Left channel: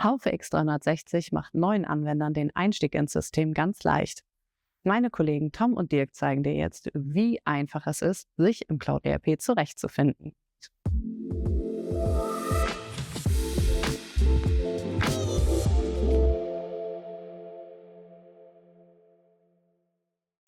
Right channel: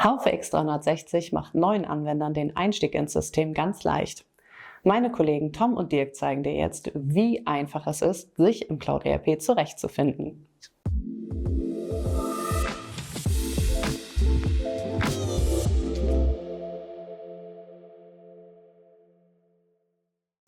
Haufe X360 macht neuen Anwendern den Einstieg ins System ganz leicht. Meine Kollegen Tom und Dirk zeigen dir jetzt, wie einfach es ist, sich im Cloud ERP zurechtzufinden.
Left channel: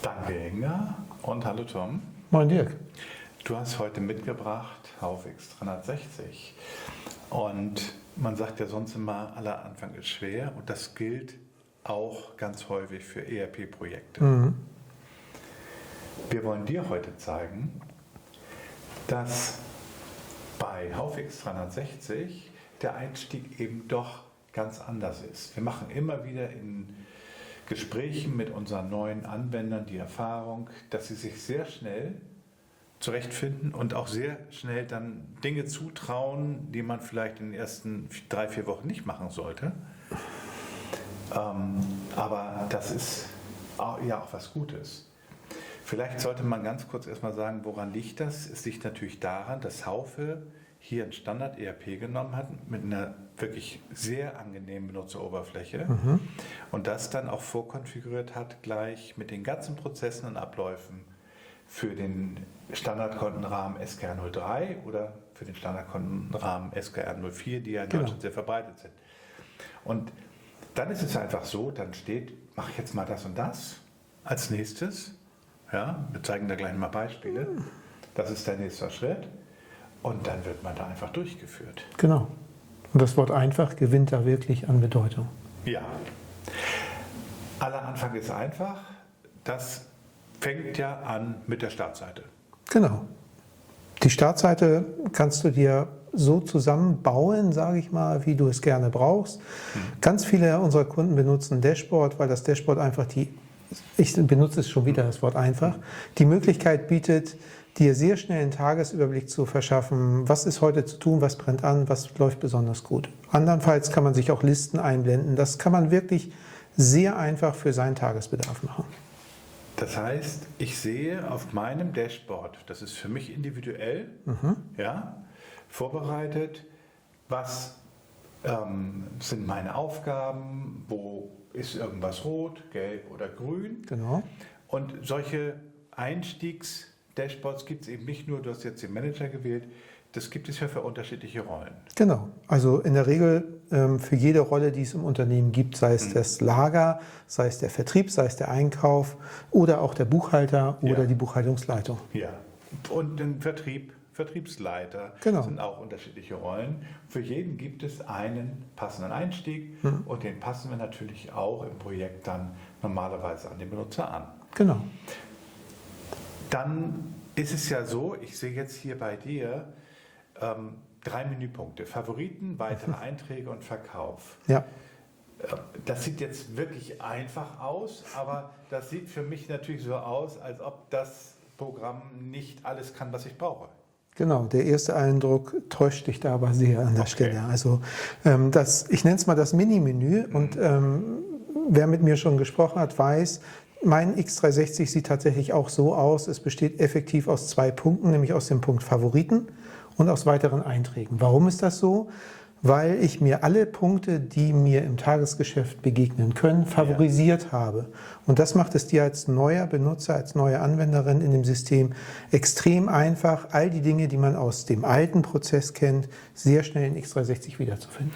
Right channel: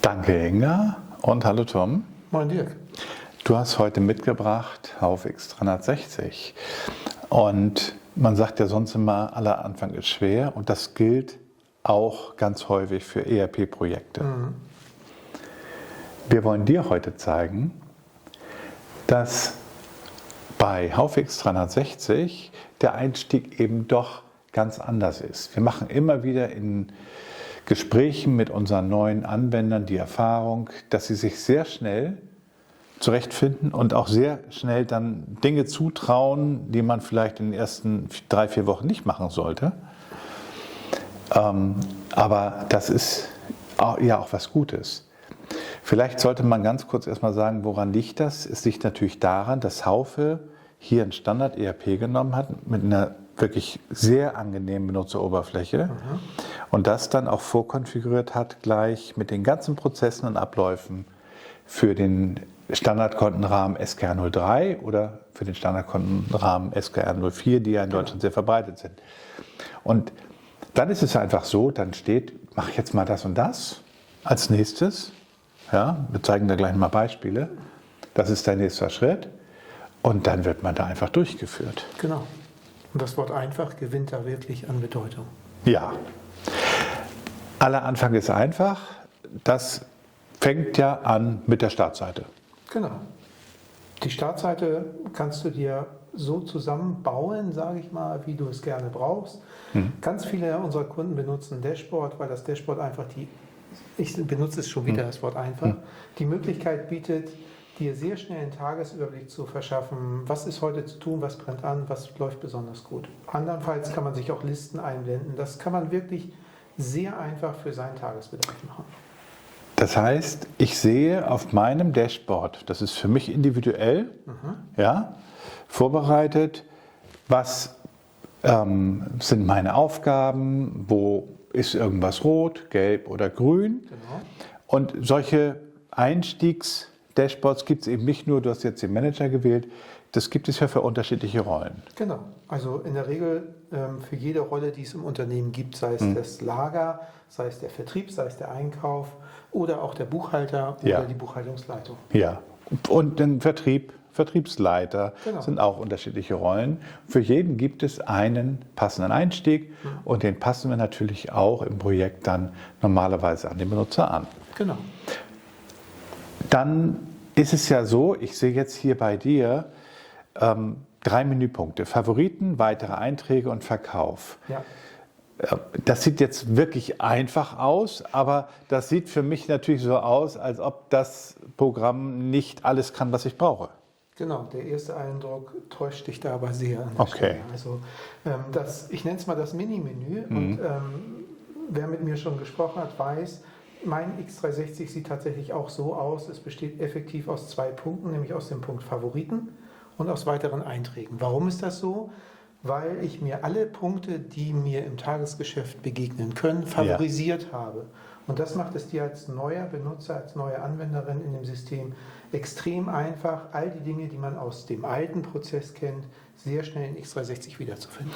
Danke Inga und hallo Tom. Moin Dirk. Du hast heute mitgebracht Haufe X360 und man sagt ja sonst immer, aller Anfang ist schwer und das gilt auch ganz häufig für ERP-Projekte. Wir wollen dir heute zeigen, dass bei Haufe X360 der Einstieg eben doch ganz anders ist. Wir machen immer wieder in Gesprächen mit unseren neuen Anwendern die Erfahrung, dass sie sich sehr schnell zurechtfinden und auch sehr schnell dann Dinge zutrauen, die man vielleicht in den ersten 3-4 Wochen nicht machen sollte. Aber das ist ja auch was Gutes. Vielleicht sollte man ganz kurz erstmal sagen, woran liegt das? Es liegt natürlich daran, dass Haufe hier ein Standard-ERP genommen hat mit einer wirklich sehr angenehmen Benutzeroberfläche und das dann auch vorkonfiguriert hat, gleich mit den ganzen Prozessen und Abläufen für den Standardkontenrahmen SKR03 oder für den Standardkontenrahmen SKR04, die ja in Deutschland sehr verbreitet sind. Und dann ist es einfach so, dann steht, mach jetzt mal das und das als nächstes. Ja, wir zeigen da gleich mal Beispiele. Das ist der nächste Schritt. Und dann wird man da einfach durchgeführt. Genau. Und das Wort einfach gewinnt da wirklich an Bedeutung. Ja. Aller Anfang ist einfach. Das fängt ja an mit der Startseite. Genau. Die Startseite kannst du dir so zusammenbauen, sage ich mal, wie du es gerne brauchst. Ganz viele unserer Kunden benutzen Dashboard, weil das Dashboard einfach ich benutze es schon wieder, das Wort einfach, die Möglichkeit bietet, dir sehr schnell einen Tagesüberblick zu verschaffen, was ist heute zu tun, was brennt an, was läuft besonders gut. Andernfalls kann man sich auch Listen einblenden. Das kann man wirklich sehr einfach für seinen Tagesbedarf machen. Das heißt, ich sehe auf meinem Dashboard, das ist für mich individuell, ja, vorbereitet, was sind meine Aufgaben, wo ist irgendwas rot, gelb oder grün. Genau. Und solche Einstiegs-Dashboards gibt es eben nicht nur, du hast jetzt den Manager gewählt, das gibt es ja für unterschiedliche Rollen. Genau, also in der Regel für jede Rolle, die es im Unternehmen gibt, sei es das Lager, sei es der Vertrieb, sei es der Einkauf oder auch der Buchhalter oder die Buchhaltungsleitung. Ja, und den Vertriebsleiter sind auch unterschiedliche Rollen. Für jeden gibt es einen passenden Einstieg und den passen wir natürlich auch im Projekt dann normalerweise an den Benutzer an. Genau. Dann ist es ja so, ich sehe jetzt hier bei dir 3 Menüpunkte: Favoriten, weitere Einträge und Verkauf. Ja. Das sieht jetzt wirklich einfach aus, aber das sieht für mich natürlich so aus, als ob das Programm nicht alles kann, was ich brauche. Genau, der erste Eindruck täuscht dich da aber sehr an der Stelle. Also ich nenne es mal das Mini-Menü und wer mit mir schon gesprochen hat, weiß, mein X360 sieht tatsächlich auch so aus. Es besteht effektiv aus 2 Punkten, nämlich aus dem Punkt Favoriten und aus weiteren Einträgen. Warum ist das so? Weil ich mir alle Punkte, die mir im Tagesgeschäft begegnen können, favorisiert habe. Und das macht es dir als neuer Benutzer, als neue Anwenderin in dem System extrem einfach, all die Dinge, die man aus dem alten Prozess kennt, sehr schnell in X360 wiederzufinden.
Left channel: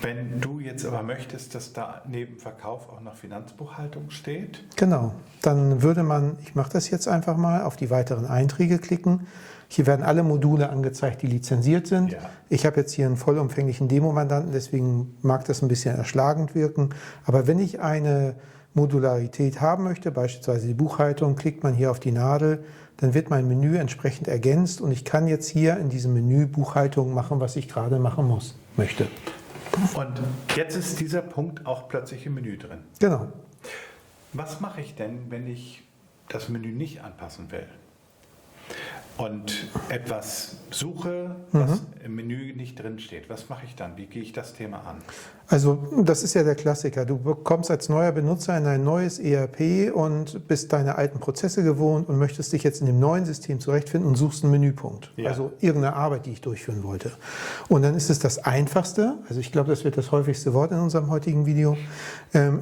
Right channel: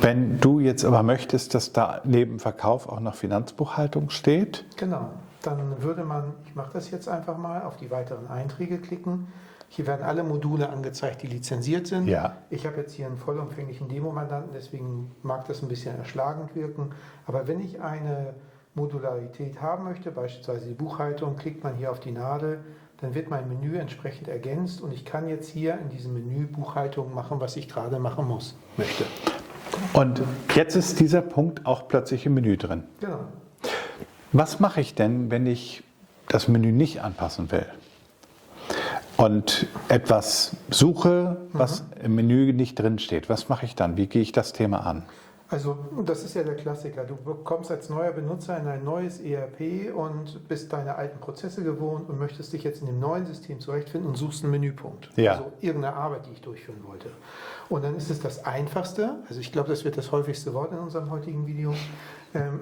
Wenn du jetzt aber möchtest, dass da neben Verkauf auch noch Finanzbuchhaltung steht? Genau, dann würde man, ich mache das jetzt einfach mal, auf die weiteren Einträge klicken. Hier werden alle Module angezeigt, die lizenziert sind. Ja. Ich habe jetzt hier einen vollumfänglichen Demo-Mandanten, deswegen mag das ein bisschen erschlagend wirken. Aber wenn ich eine Modularität haben möchte, beispielsweise die Buchhaltung, klickt man hier auf die Nadel, dann wird mein Menü entsprechend ergänzt und ich kann jetzt hier in diesem Menü Buchhaltung machen, was ich gerade machen möchte. Und jetzt ist dieser Punkt auch plötzlich im Menü drin. Genau. Was mache ich denn, wenn ich das Menü nicht anpassen will und etwas suche, was im Menü nicht drin steht? Was mache ich dann? Wie gehe ich das Thema an? Also das ist ja der Klassiker. Du kommst als neuer Benutzer in ein neues ERP und bist deine alten Prozesse gewohnt und möchtest dich jetzt in dem neuen System zurechtfinden und suchst einen Menüpunkt. Ja. Also irgendeine Arbeit, die ich durchführen wollte. Und dann ist es das Einfachste, also ich glaube, das wird das häufigste Wort in unserem heutigen Video,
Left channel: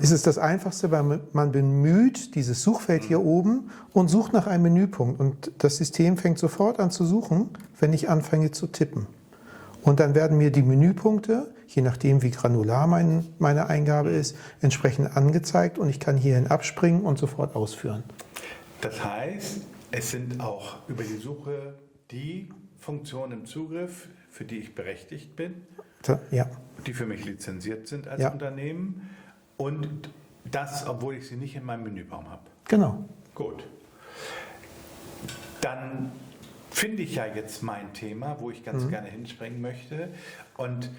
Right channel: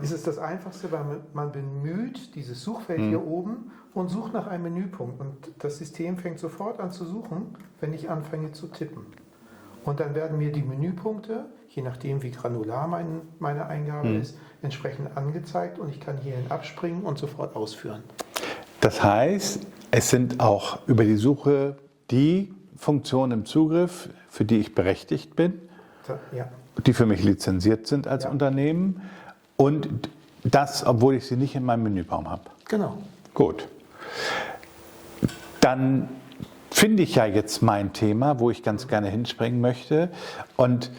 ist es das Einfachste, weil man bemüht dieses Suchfeld hier oben und sucht nach einem Menüpunkt. Und das System fängt sofort an zu suchen, wenn ich anfange zu tippen. Und dann werden mir die Menüpunkte, je nachdem wie granular meine Eingabe ist, entsprechend angezeigt und ich kann hierhin abspringen und sofort ausführen. Das heißt, es sind auch über die Suche die Funktionen im Zugriff, für die ich berechtigt bin, Ja. die für mich lizenziert sind als Unternehmen und das, obwohl ich sie nicht in meinem Menübaum habe. Genau. Gut. Dann finde ich ja jetzt mein Thema, wo ich ganz gerne hinspringen möchte. Und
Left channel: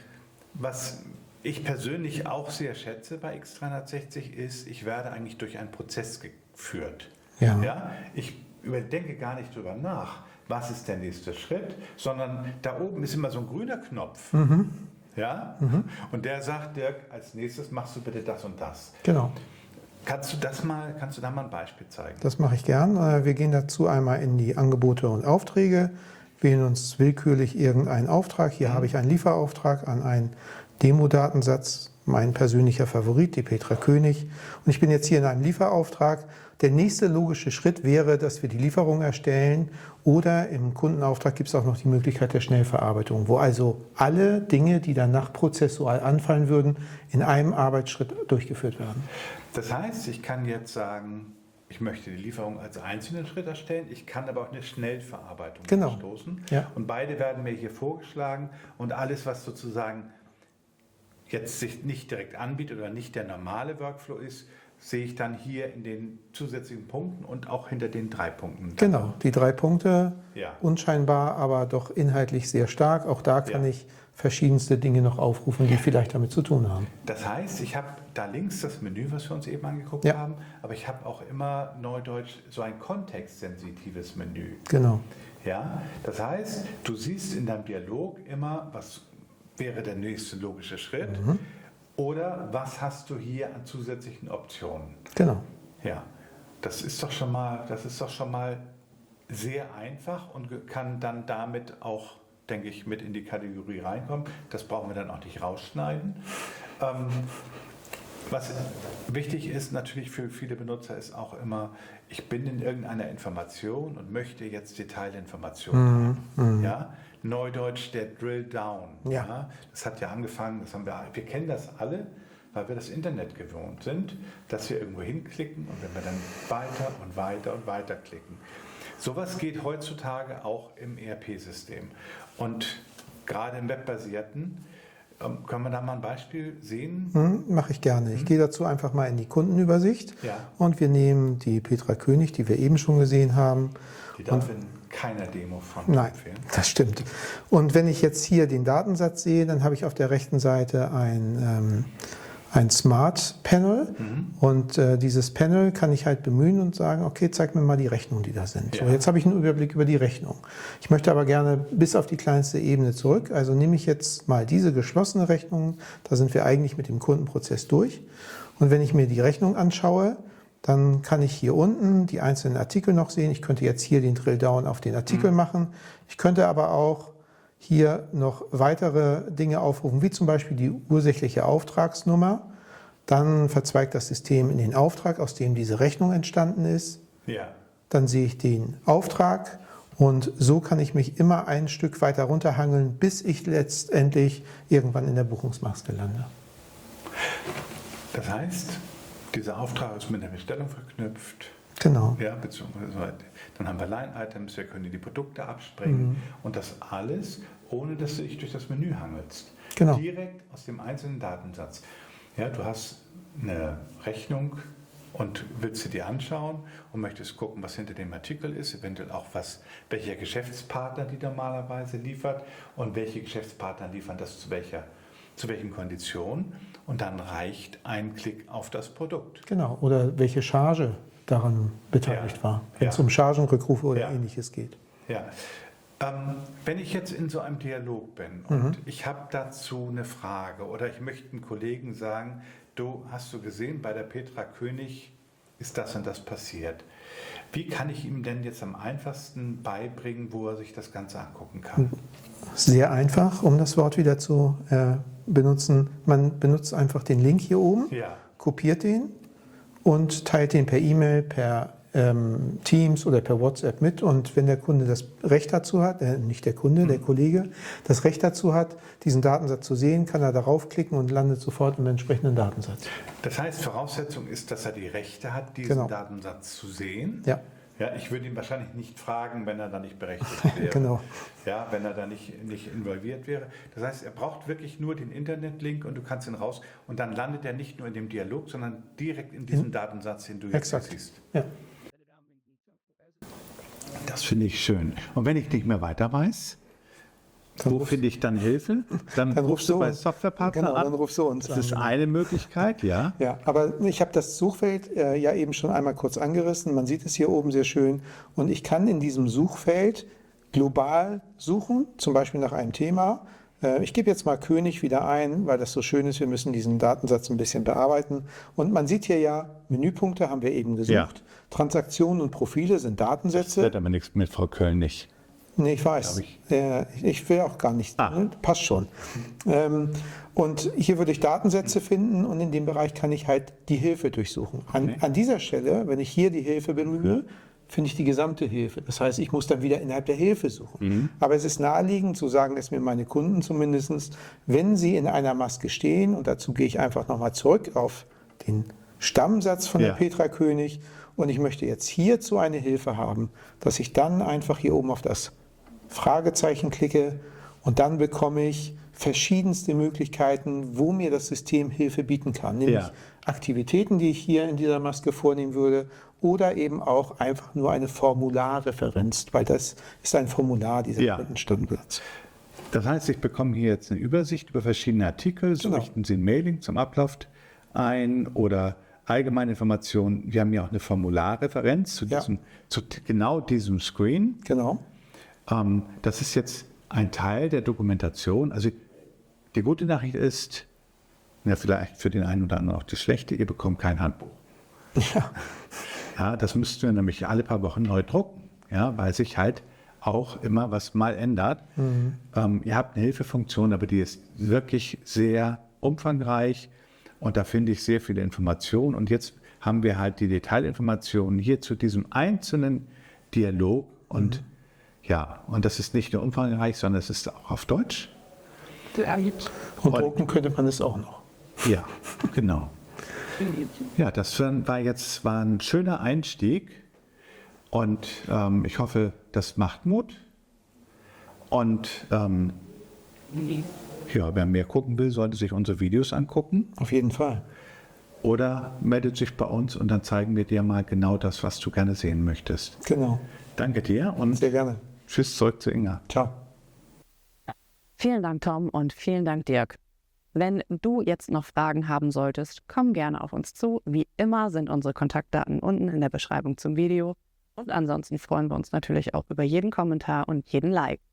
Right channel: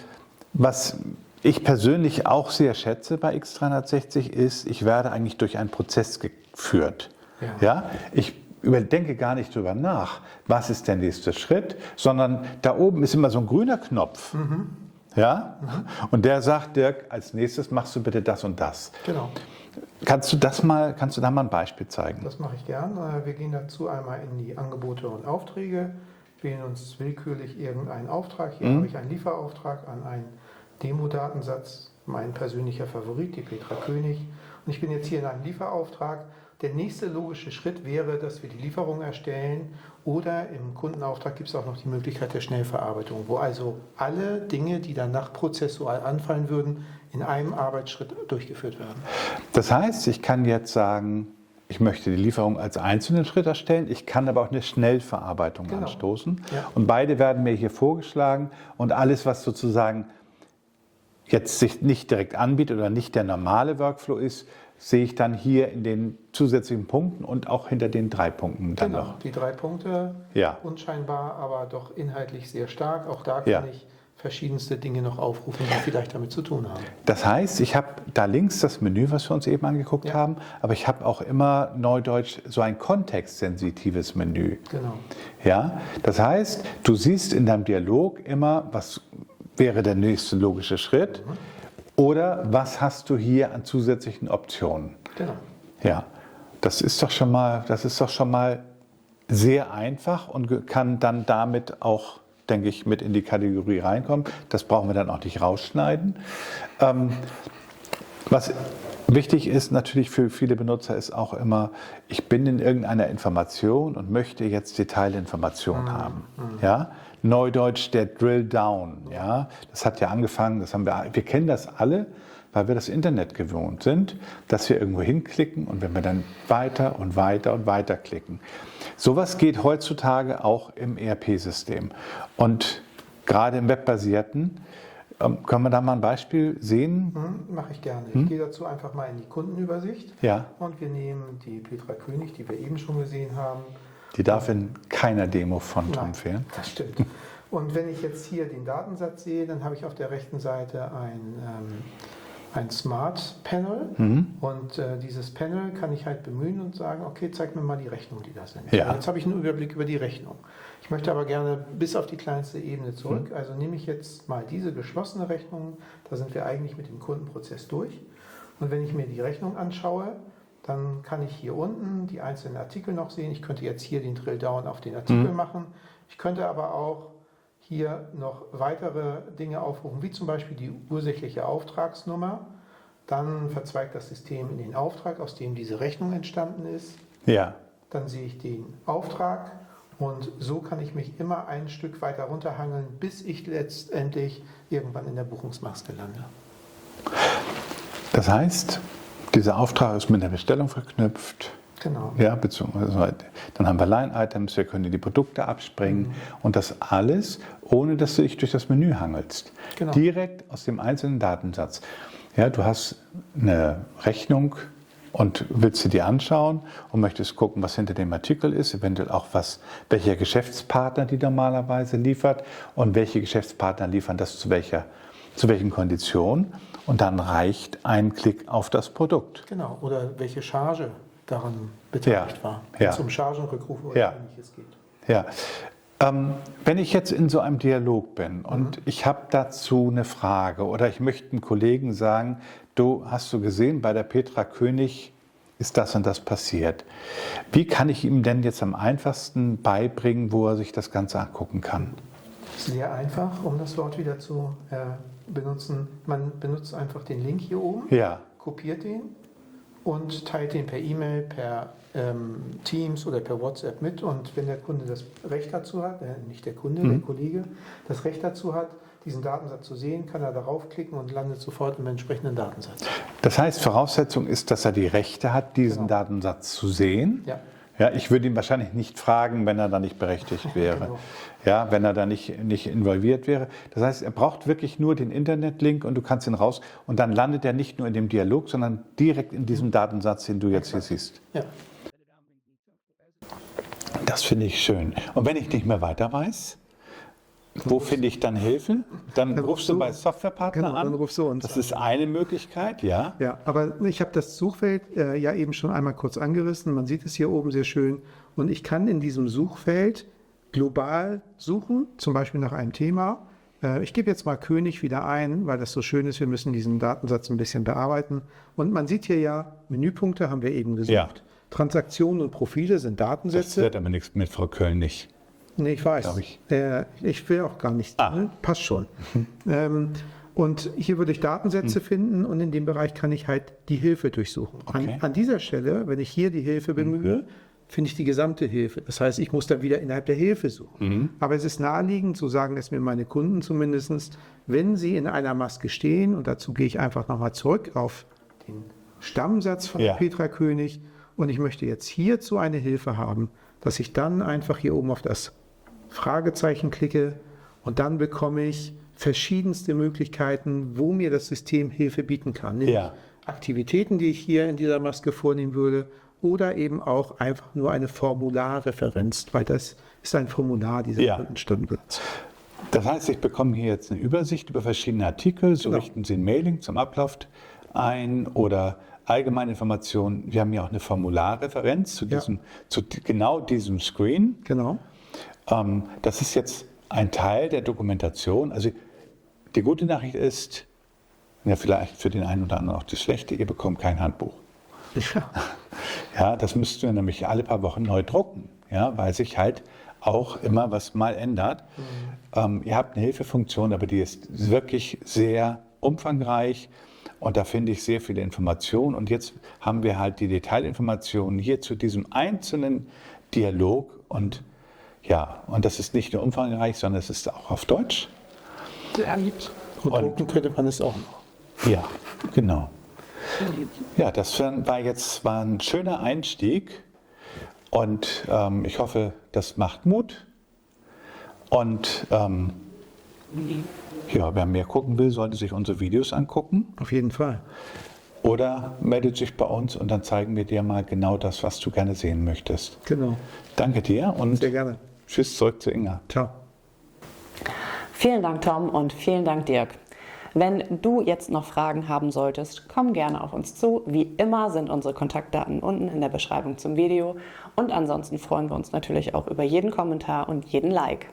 was ich persönlich auch sehr schätze bei X360 ist, ich werde eigentlich durch einen Prozess geführt. Ja. Ja? Ich überdenke gar nicht darüber nach, was ist der nächste Schritt, sondern da oben ist immer so ein grüner Knopf. Ja? Und der sagt, Dirk, als nächstes machst du bitte das und das. Genau. Kannst du da mal ein Beispiel zeigen? Das mache ich gern. Wir gehen dazu einmal in die Angebote und Aufträge, wählen uns willkürlich irgendeinen Auftrag. Hier habe ich einen Lieferauftrag an einen Demo-Datensatz, mein persönlicher Favorit, die Petra König. Und ich bin jetzt hier in einem Lieferauftrag. Der nächste logische Schritt wäre, dass wir die Lieferung erstellen oder im Kundenauftrag gibt es auch noch die Möglichkeit der Schnellverarbeitung, wo also alle Dinge, die danach prozessual anfallen würden, in einem Arbeitsschritt durchgeführt werden. Das heißt, ich kann jetzt sagen, ich möchte die Lieferung als einzelnen Schritt erstellen, ich kann aber auch eine Schnellverarbeitung anstoßen. Ja. Und beide werden mir hier vorgeschlagen und alles, was sozusagen jetzt sich nicht direkt anbietet oder nicht der normale Workflow ist, sehe ich dann hier in den zusätzlichen Punkten und auch hinter den 3 Punkten. Genau, die 3 Punkte, Ja. unscheinbar, aber doch inhaltlich sehr stark. Auch da kann Ja. ich verschiedenste Dinge noch aufrufen, die vielleicht damit zu tun haben. Das heißt, ich habe da links das Menü, was wir uns eben angeguckt haben, aber ich habe auch immer neudeutsch so ein kontextsensitives Menü. Genau. Ja? Das heißt, du siehst in deinem Dialog immer, was wäre der nächste logische Schritt oder was hast du hier an zusätzlichen Optionen. Genau. Ja, das ist doch schon mal sehr einfach und kann dann damit auch, denke ich, mit in die Kategorie reinkommen. Das brauchen wir dann auch nicht rausschneiden. Was wichtig ist natürlich für viele Benutzer ist auch immer, ich bin in irgendeiner Information und möchte jetzt Detailinformationen haben. Ja? Neudeutsch der Drill Down. Ja? Das hat ja angefangen, wir kennen das alle, weil wir das Internet gewohnt sind, dass wir irgendwo hinklicken und wenn wir dann weiter und weiter und weiter klicken. Sowas geht heutzutage auch im ERP-System. Und gerade im Webbasierten, können wir da mal ein Beispiel sehen? Mache ich gerne. Ich gehe dazu einfach mal in die Kundenübersicht Ja. und wir nehmen die Petra König, die wir eben schon gesehen haben. Die darf in keiner Demo von Tom fehlen. Das stimmt. Und wenn ich jetzt hier den Datensatz sehe, dann habe ich auf der rechten Seite ein Smart Panel und dieses Panel kann ich halt bemühen und sagen, okay, zeig mir mal die Rechnungen, die da sind. Ja. Und jetzt habe ich einen Überblick über die Rechnung. Ich möchte aber gerne bis auf die kleinste Ebene zurück. Also nehme ich jetzt mal diese geschlossene Rechnung, da sind wir eigentlich mit dem Kundenprozess durch. Und wenn ich mir die Rechnung anschaue, dann kann ich hier unten die einzelnen Artikel noch sehen. Ich könnte jetzt hier den Drill-Down auf den Artikel machen. Ich könnte aber auch hier noch weitere Dinge aufrufen, wie zum Beispiel die ursächliche Auftragsnummer. Dann verzweigt das System in den Auftrag, aus dem diese Rechnung entstanden ist. Ja. Dann sehe ich den Auftrag und so kann ich mich immer ein Stück weiter runterhangeln, bis ich letztendlich irgendwann in der Buchungsmaske lande. Das heißt, dieser Auftrag ist mit der Bestellung verknüpft. Genau. Ja, beziehungsweise dann haben wir Line-Items, wir können die Produkte abspringen und das alles, ohne dass du dich durch das Menü hangelst. Genau. Direkt aus dem einzelnen Datensatz. Ja, du hast eine Rechnung und willst sie dir anschauen und möchtest gucken, was hinter dem Artikel ist, eventuell auch welcher Geschäftspartner die normalerweise liefert und welche Geschäftspartner liefern das zu welchen Konditionen. Und dann reicht ein Klick auf das Produkt. Genau. Oder welche Charge daran beteiligt war, wenn es um Chargenrückrufe oder Ähnliches geht. Ja. Wenn ich jetzt in so einem Dialog bin und ich habe dazu eine Frage oder ich möchte einem Kollegen sagen, hast du gesehen, bei der Petra König ist das und das passiert. Wie kann ich ihm denn jetzt am einfachsten beibringen, wo er sich das Ganze angucken kann? Sehr einfach, um das Wort wieder zu benutzen. Man benutzt einfach den Link hier oben, kopiert den und teilt den per E-Mail, per Teams oder per WhatsApp mit. Und wenn der Kunde das Recht dazu hat, nicht der Kunde, der Kollege, das Recht dazu hat, diesen Datensatz zu sehen, kann er darauf klicken und landet sofort im entsprechenden Datensatz. Das heißt, Voraussetzung ist, dass er die Rechte hat, diesen Datensatz zu sehen. Ja. Ja, ich würde ihn wahrscheinlich nicht fragen, wenn er da nicht berechtigt wäre. Genau. Ja, wenn er da nicht involviert wäre. Das heißt, er braucht wirklich nur den Internetlink und du kannst ihn raus. Und dann landet er nicht nur in dem Dialog, sondern direkt in diesem Datensatz, den du jetzt hier siehst. Ja. Das finde ich schön. Und wenn ich nicht mehr weiter weiß, wo finde ich dann Hilfen? Dann rufst du bei Softwarepartner an. Dann rufst du uns Das ist eine Möglichkeit, ja. Ja, aber ich habe das Suchfeld ja eben schon einmal kurz angerissen. Man sieht es hier oben sehr schön. Und ich kann in diesem Suchfeld global suchen, zum Beispiel nach einem Thema. Ich gebe jetzt mal König wieder ein, weil das so schön ist. Wir müssen diesen Datensatz ein bisschen bearbeiten. Und man sieht hier ja, Menüpunkte haben wir eben gesucht. Ja. Transaktionen und Profile sind Datensätze. Das wird aber nichts mit Frau Köll nicht. Nee, ich weiß. Ich will auch gar nicht. Passt schon. Und hier würde ich Datensätze finden und in dem Bereich kann ich halt die Hilfe durchsuchen. An dieser Stelle, wenn ich hier die Hilfe bemühe, finde ich die gesamte Hilfe. Das heißt, ich muss dann wieder innerhalb der Hilfe suchen. Aber es ist naheliegend zu sagen, dass mir meine Kunden zumindest, wenn sie in einer Maske stehen, und dazu gehe ich einfach nochmal zurück auf den Stammsatz von der Petra König, und ich möchte jetzt hierzu eine Hilfe haben, dass ich dann einfach hier oben auf das Fragezeichen klicke und dann bekomme ich verschiedenste Möglichkeiten, wo mir das System Hilfe bieten kann. Nämlich Aktivitäten, die ich hier in dieser Maske vornehmen würde, oder eben auch einfach nur eine Formularreferenz, weil das ist ein Formular, dieser Stundenplatz. Das heißt, ich bekomme hier jetzt eine Übersicht über verschiedene Artikel, so richten Sie ein Mailing zum Ablauf ein oder allgemeine Informationen. Wir haben ja auch eine Formularreferenz zu genau diesem Screen. Genau. Das ist jetzt ein Teil der Dokumentation. Also die gute Nachricht ist, ja, vielleicht für den einen oder anderen auch das Schlechte, ihr bekommt kein Handbuch. Ja, das müsst ihr nämlich alle paar Wochen neu drucken, ja, weil sich halt auch immer was mal ändert. Ihr habt eine Hilfefunktion, aber die ist wirklich sehr umfangreich und da finde ich sehr viele Informationen. Und jetzt haben wir halt die Detailinformationen hier zu diesem einzelnen Dialog und und das ist nicht nur umfangreich, sondern es ist auch auf Deutsch. Und drucken könnte man es auch. Ja, genau. Ja, das war ein schöner Einstieg und ich hoffe, das macht Mut. Und wer mehr gucken will, sollte sich unsere Videos angucken. Auf jeden Fall. Oder meldet sich bei uns und dann zeigen wir dir mal genau das, was du gerne sehen möchtest. Genau. Danke dir und sehr gerne. Tschüss zurück zu Inga. Ciao. Vielen Dank, Tom, und vielen Dank, Dirk. Wenn du jetzt noch Fragen haben solltest, komm gerne auf uns zu. Wie immer sind unsere Kontaktdaten unten in der Beschreibung zum Video. Und ansonsten freuen wir uns natürlich auch über jeden Kommentar und jeden Like.